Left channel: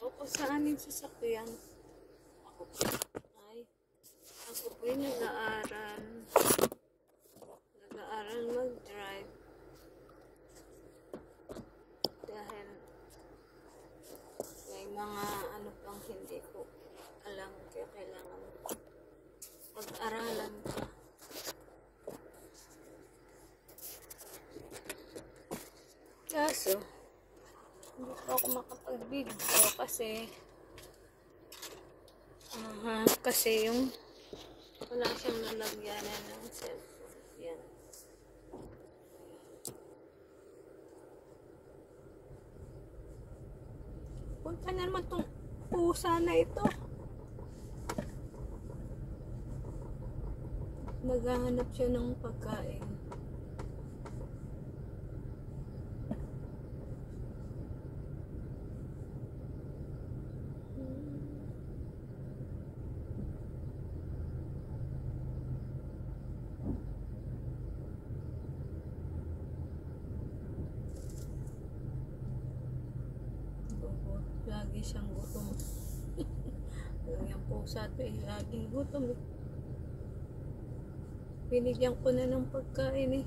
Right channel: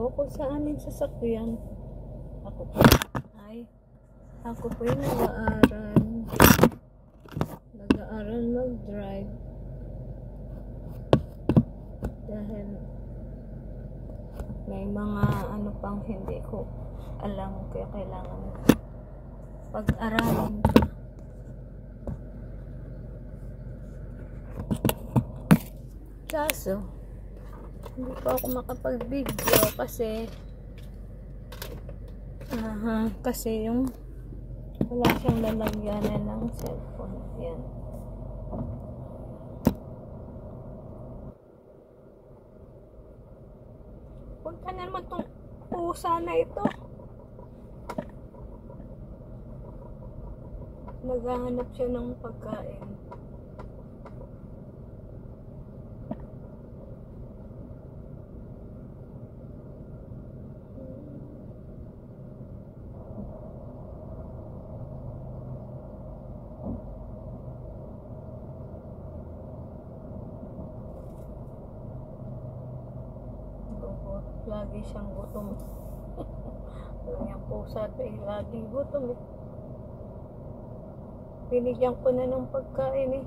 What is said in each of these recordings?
dito kung saan yung sasakyan. Ako po yung nag-aaral mag-drive dahil may mga ano pang hindi ko alam kaya kailangan pag-aralan pa. Kaso hindi pa ako makapag-video kasi yung wala siyang lalagyanan ng cellphone. Yan. Punta na naman itong pusa na ito. Naghahanap siya ng pagkain. Lagi siyang gutom. Yung pusa ito laging gutom eh. Binigyan ko na ng pagkain eh.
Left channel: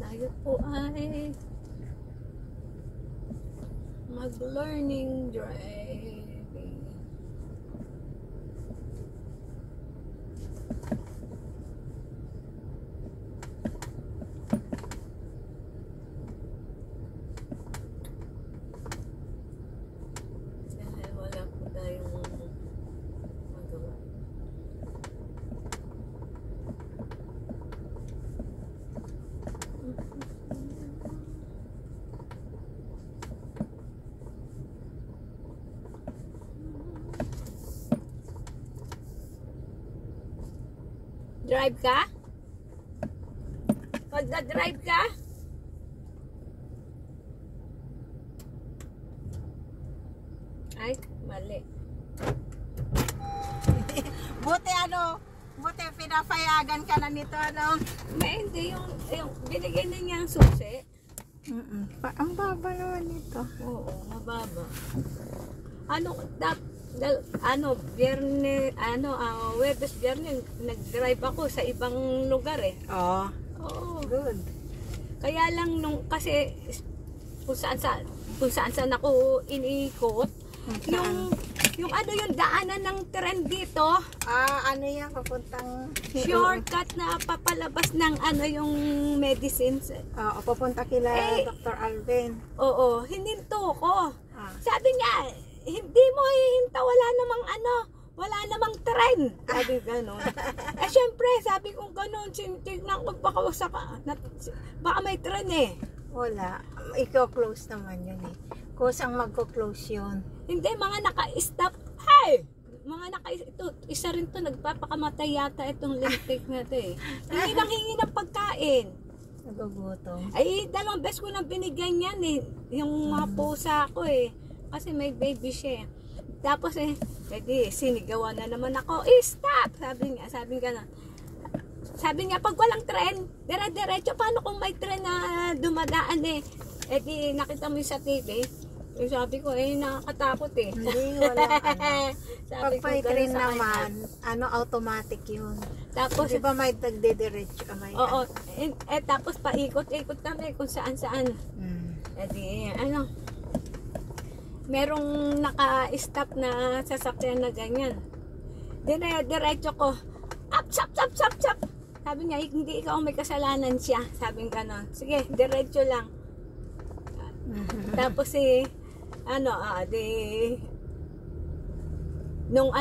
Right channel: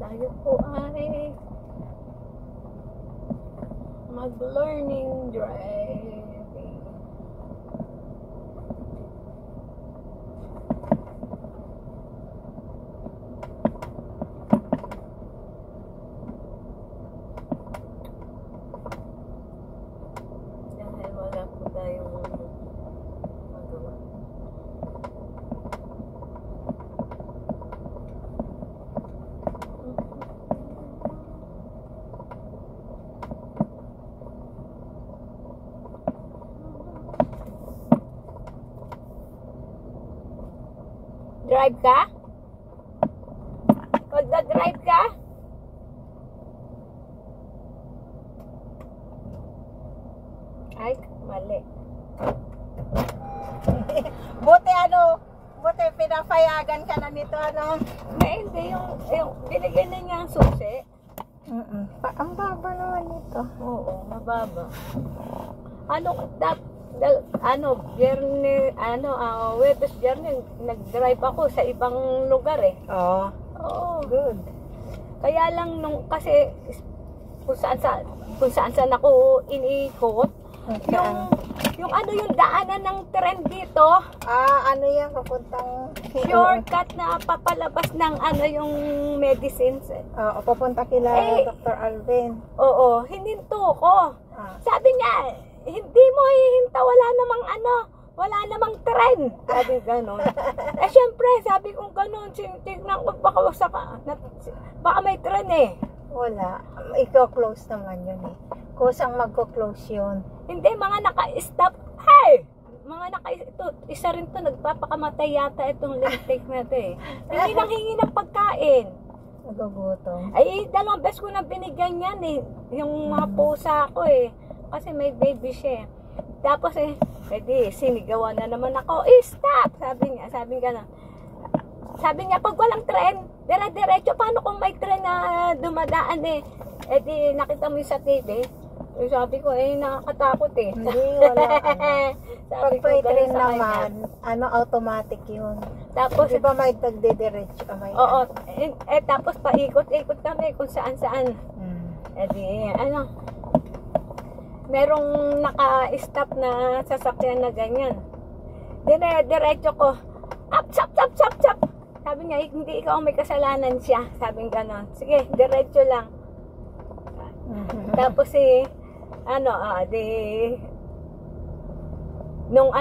Tayo po ay mag-learning driving. Dahil wala po tayong magawa. Drive ka? Magda-drive ka? Ay, mali. Buti pinapayagan ka na nito, ano? Hindi, yung binigyan na niya ang susi. Ang baba naman nito. Oo, mababa. Webes Biyernes, nag-drive ako sa ibang lugar eh. Oo. Good. Kaya lang kasi kung saan ako iniikot, yung daanan ng tren dito, Ano yan, papuntang... shortcut na papalabas ng yung medicines. Papunta kila Dr. Alvin. Oo, hininto ko. Sabi niya, hindi mo hihinta, wala namang tren. Sabi gano'n. Syempre, sabi kong gano'n, tignan ko, baka may tren eh. Wala. Iko-close naman yun eh. Kusang magko-close yun. Hindi, mga naka-stop. Ito, isa rin to, nagpapakamatay yata itong lintik na ito eh. Hingi ng pagkain. Nagugutom. Ay, 2 beses ko na binigyan yan eh. Yung mga pusa ko eh. Kasi may baby siya. Tapos sinigawan na naman ako. Stop! Sabi niya, pag walang tren, dire-diretso, paano kung may tren na dumadaan eh? Nakita mo yung sa TV. Sabi ko, nakakatakot eh. Hindi, wala. Sabi Pag may ko, train sa naman, automatic yun. Tapos, di ba may tagdidiretso ka may... oo. Tapos paikot-ikot kami kung saan-saan. Merong naka-stop na sasakyan na ganyan. Diretso ko, Sap! Sabi niya, hindi ikaw ang may kasalanan siya. Sabi nga gano'n. Sige, diretso lang. Tapos nung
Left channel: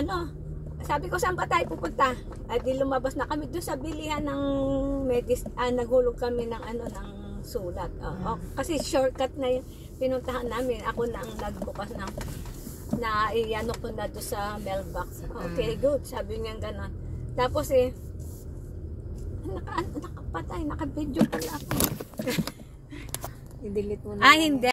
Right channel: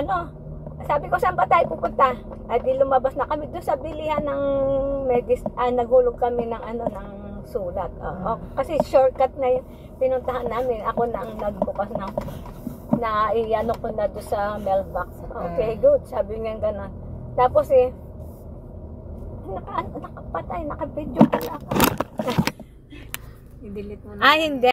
sabi ko, saan ba tayo pupunta? At di lumabas na kami doon sa bilihan ng naghulog kami ng ng sulat. Kasi shortcut na yung pinuntahan namin. Ako na ang nagbukas ng iano ko na doon sa mailbox. Okay, good. Sabi niya gano'n. Tapos nakapatay, naka-video pala ako. I-delete mo na. Hindi.